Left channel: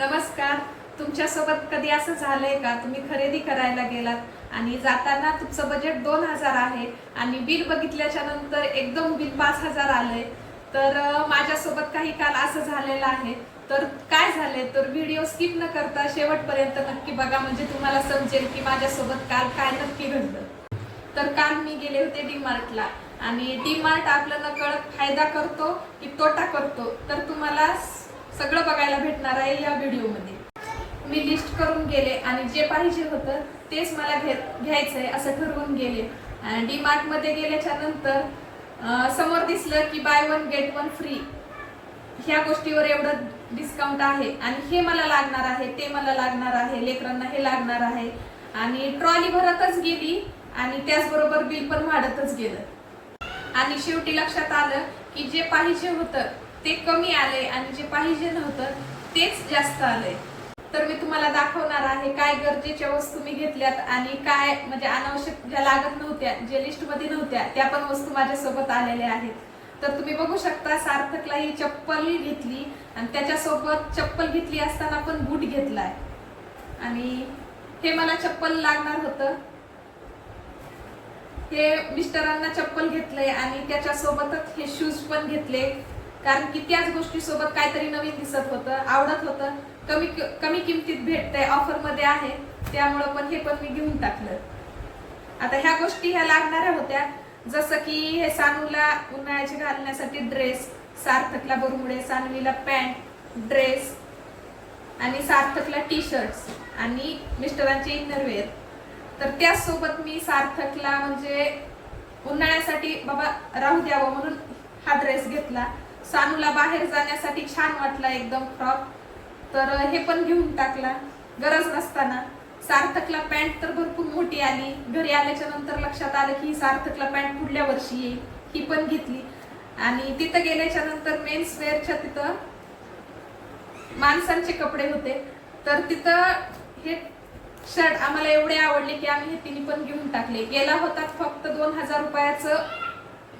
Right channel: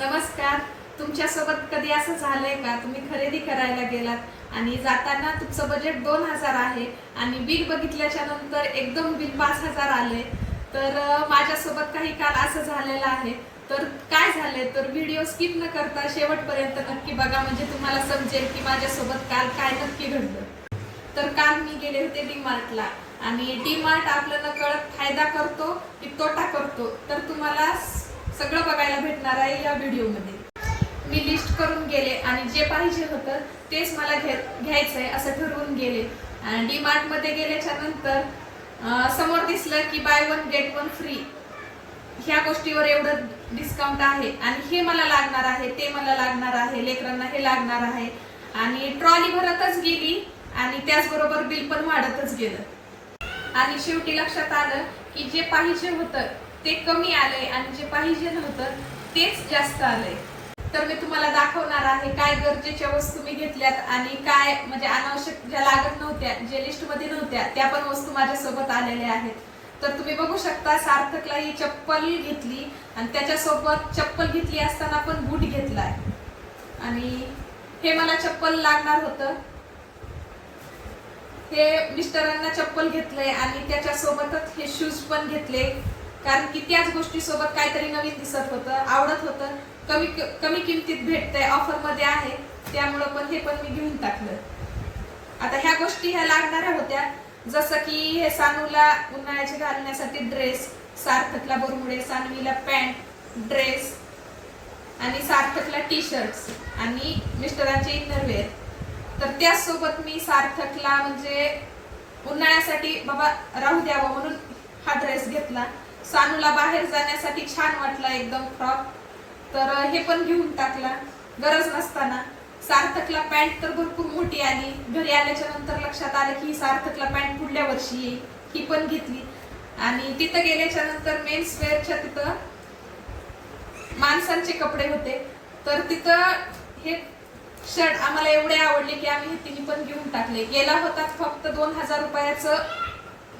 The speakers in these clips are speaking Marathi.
नमस्कार. तुमच्यासोबत कधी असं झालंय का तुम्ही खरेदी करायला गेलात आणि जाताना तुमचं बजेट 2000 आहे आणि बिल बघितल्याच्या नंतर एकदम बिल 5000 आले. तर माझ्यासोबत काही काल असं झालेलं आहे. तर काय झालंय तर व्हिडिओ स्किप न करता शेवटपर्यंत नक्की बघा, म्हणजे तुम्हाला समजेल की माझ्यासोबत काल काय नक्की घडलं. तर काल मी गेले होते डीमार्टला आणि डीमार्ट आपलं नकळत फायदा करतो की तोटा करतो तर तुम्हाला सगळं बघायला भेटणार आहे या व्हिडिओमध्ये. मी लिस्ट करून गेले आणि जे पाहिजे होतं तेच मला घ्यायचंय असं ठरवून गेले. डीमार्ट मध्ये गेल्याच्या नंतर समोर दिसलं की by one get one free, ह्या गोष्टीवर एवढं डिस्काउंट आहे आणि हे मला लागणार आहे, ते मला लागणार आहे, लेकरांना हे लागणार आहे आणि ट्रॉली भरतच गेली आणि त्याचबरोबर बिल पण वाढतच गेलं. आणि शेवटी लक्षात आलं की जे पाहिजे होतं ते कमी आले आणि जे पाहिजे नव्हतं तेच जास्त आलंय. तर मी तुम्हाला दाखवणार आहे काय गरजेच्या वस्तू मी घेतल्यात आणि काय म्हणजे अनावश्यक ज्या लागत नव्हत्या, जे लिस्ट मध्ये नव्हत्या त्या पण वस्तू माझ्यासोबत आलेल्या आहेत. तर तुम्ही बघू शकता, सार्थकला ही चप्पल घेतली आणि त्याच्यासोबत चप्पल घेतली असताना पण बूट घेतलाय आणि हे मला चप्पल लागणार होतं. हे मिस्टरांना चप्पल घेतलंय आणि त्याच्यासोबतच हे शूज पण घेतले, कारण की त्याच गोष्टी सोबत काहीतरी नवीन दिसत होतं, आवडत होतं, कमी किमतीत भेटतंय, ऑफर मध्ये आहे, त्यामुळे पण हे पण मी घेऊन टाकलं. आता ह्या गोष्टी ह्या लागणाऱ्या होत्या, जसं की हे सानूला उन्हाळ्याचे घालण्यासाठी ड्रेस, सार्थकला बरमुडे, सानवीला पॅन्ट ड्रेस आणि सार्थकला टी शर्ट्स आणि मिस्टरांचे इनरवेअर. तर त्याचसोबत मी सार्थकला म्हणजे उन्हाळ्यासाठी बाबा राहू द्यावं म्हणून हा ड्रेस घेतला. सानूला बाहेर जाण्यासाठी छान वाटला एकदम फ्रॉक, तर हे पण घेऊन टाकला गरज नसताना. सार्थकला पॅन्ट तर भरपूर मोठी आली, घरी आल्याच्या नंतर लक्षात आलं की सार्थकला पॅन्ट पुढल्या वर्षी येईल, ही पण घेतली. आणि तिथं गेल्याच्या नंतर मेन्स वेअरच्या तिथं माणसांचे कपडे होते, तर तिथं हे शर्ट आम्हाला एवढे आवडले की आम्ही हे तिन्ही पण घेऊन टाकले. गेला होता फक्त 2000 रुपयाचं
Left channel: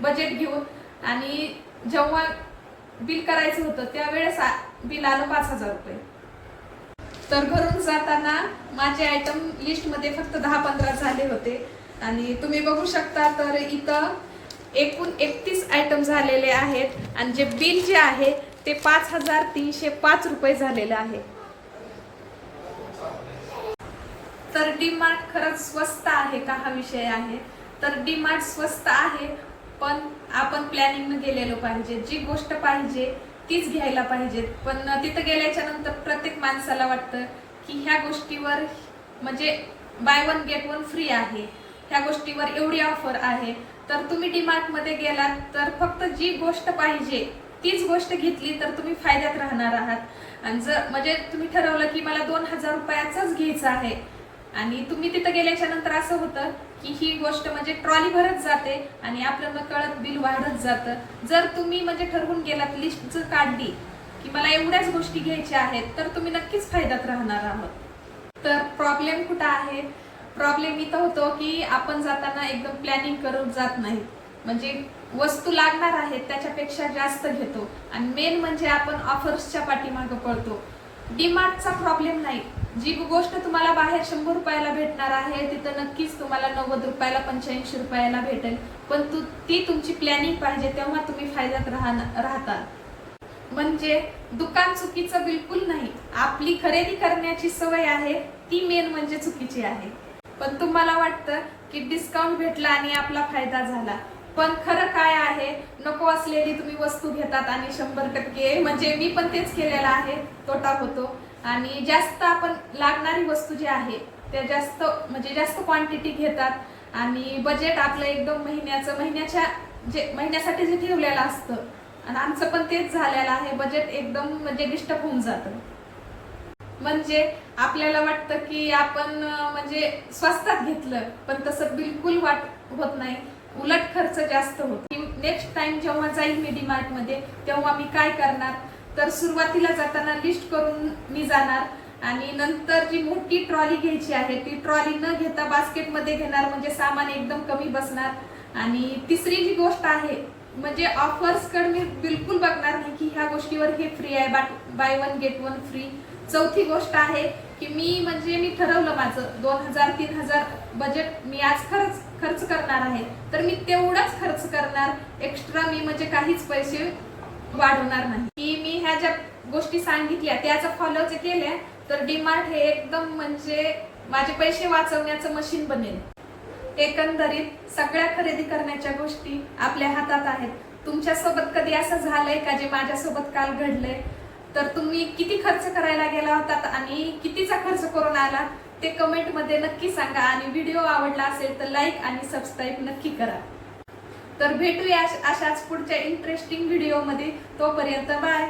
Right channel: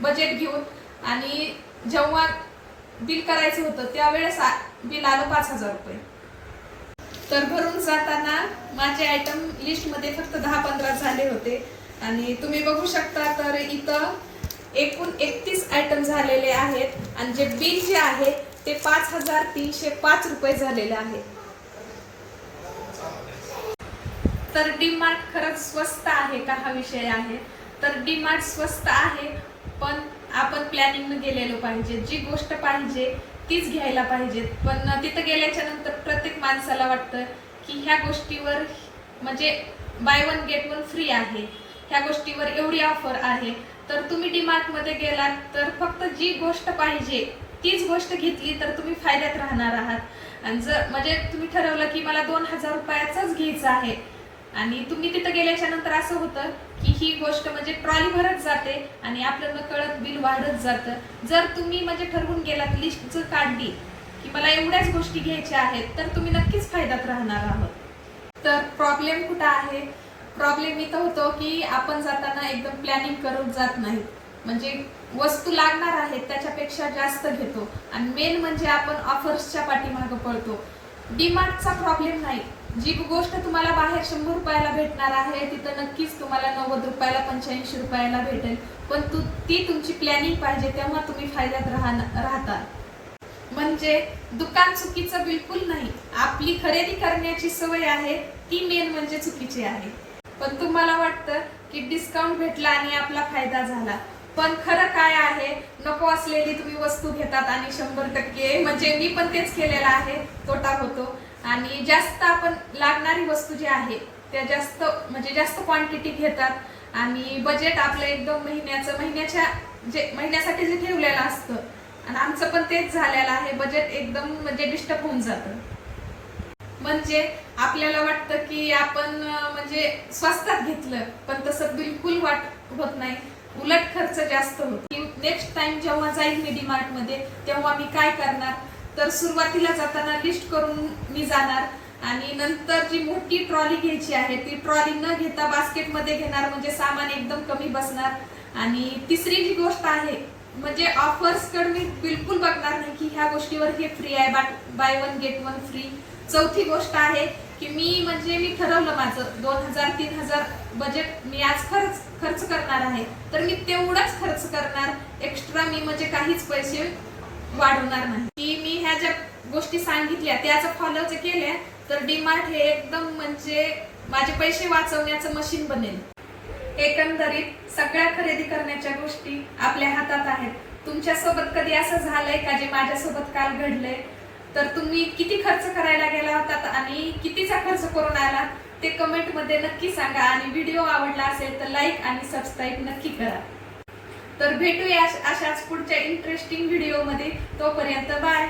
बजेट घेऊन आणि जेव्हा बिल करायचं होतं त्यावेळेस बिल आलं 5000 रुपये. तर भरून जाताना माझे आयटम लिस्ट मध्ये फक्त 10-15 झाले होते आणि तुम्ही बघू शकता तर इथं एकूण 31 आयटम झालेले आहेत आणि जे बिल जे आहे ते 5305 रुपये झालेले आहे. तर डीमार्ट खरंच स्वस्त आहे का हा विषय आहे. तर डीमार्ट स्वस्त आहे, पण आपण प्लॅनिंग न गेलेलो पाहिजे. जी गोष्ट पाहिजे तीच घ्यायला पाहिजे. पण तिथं गेल्याच्या नंतर प्रत्येक माणसाला वाटतं की ह्या गोष्टीवर म्हणजे by one get one free आहे, ह्या गोष्टीवर एवढी ऑफर आहे. तर तुम्ही डीमार्ट मध्ये गेलात तर फक्त जी गोष्ट पाहिजे तीच गोष्ट घेतली तर तुम्ही फायद्यात राहणार आहात. आणि जर म्हणजे तुम्ही ठरवलं की मला 2000 रुपयाचंच घ्यायचं आहे आणि तुम्ही तिथं गेल्याच्या नंतर असं होतं की ही गोष्ट म्हणजे ट्रॉली भरत जाते आणि आपलं नकळत बिल वाढत जातं. जर तुम्ही म्हणजे ठरवून गेलात, लिस्ट काढली की मला एवढ्याच गोष्टी घ्यायच्या आहेत, तर तुम्ही नक्कीच फायद्यात राहणार आहात. तर प्रॉब्लेम कुठं आहे? प्रॉब्लेम इथं होतो की आपण जाताना एकदम प्लॅनिंग करून जात नाही, म्हणजे वस्तू लागणार आहेत त्याच्यापेक्षा जास्त घेतो आणि मेन म्हणजे आपण ऑफर्सच्या पाठीमागे पळतो. डीमार्टचा प्रॉब्लेम नाही, जी गोष्ट तुम्हाला बाहेर 100 रुपयाला भेटणार आहे तिथं नक्कीच तुम्हाला 90 रुपयाला 85 रुपयाला भेटेल. पण ती तुमची प्लॅनिंग पाहिजे, तेव्हा तुम्ही फायद्यात राहता. म्हणजे दुकान चुकीचं बिलकुल नाही, आपली खरेदी करण्याची सवय आहे ती मेन म्हणजे चुकीची आहे. पण तुम्हाला वाटतं की डिस्काउंट भेटला आणि आपला फायदा झाला, पण खरं काय आहे, नको असलेली तुम्ही वस्तू घेतात आणि 100% म्हणजे मी पण तेच केलेलं आहे, तोटा होतो. आणि जास्त आपण लागणारी वस्तू जी आहे त्या जास्त म्हणजे जास्त क्वांटिटी घेतात आणि बजेट आपलं एकदम महिन्यासाठी जे ठेवलेलं असतं आणि आमचं पण तेच झालेलं आहे, बजेट एकदम म्हणजे डिस्टर्ब होऊन जातं. म्हणजे आपल्याला वाटतं की आपण म्हणजे स्वस्तात घेतलं, पण तसं बिलकुल होत नाही, उलट खर्च जास्त होतो. नेक्स्ट टाइम जेव्हा जाईल मी डीमार्ट मध्ये तेव्हा मी काय करणार, तर सुरुवातीला जाताना लिस्ट करून मी जाणार आणि नंतर जी मोठी ट्रॉली घ्यायची आहे ती ट्रॉली न घेता बास्केट मध्ये घेणार, म्हणजे सामान एकदम कमी बसणार. आणि तिसरी जी गोष्ट आहे म्हणजे ऑफर्स कडे मी बिलकुल बघणार नाही की ह्या गोष्टीवर हे फ्री आहे, by one get one free. चौथी गोष्ट आहे की मी ठरवलं माझं 2000-3000 बजेट मी आज खर्च करणार आहे, तर मी तेवढाच खर्च करणार. एक्स्ट्रा मी म्हणजे काहीच पैसे वाढवणार नाही. की मी ह्या ज्या गोष्टी सांगितल्या त्याचं फॉलो केल्या तर डीमार्ट हे एकदम म्हणजे माझे पैसे वाचवण्याचं मशीन बनेल. एकंदरीत सगळ्या खरेदी करण्याच्या गोष्टी आपल्या हातात आहेत. तुमच्यासोबत कधी असं झालंय का जे माझ्यासोबत काल घडलंय? तर तुम्ही किती खर्च करायला गेला होता आणि कितीचा खर्च करून आला ते कमेंट मध्ये नक्की सांगा. आणि व्हिडिओ आवडला असेल तर लाईक आणि सबस्क्राईब नक्की करा. तर भेटूया अशाच पुढच्या इंटरेस्टिंग व्हिडिओ मध्ये. तोपर्यंत बाय.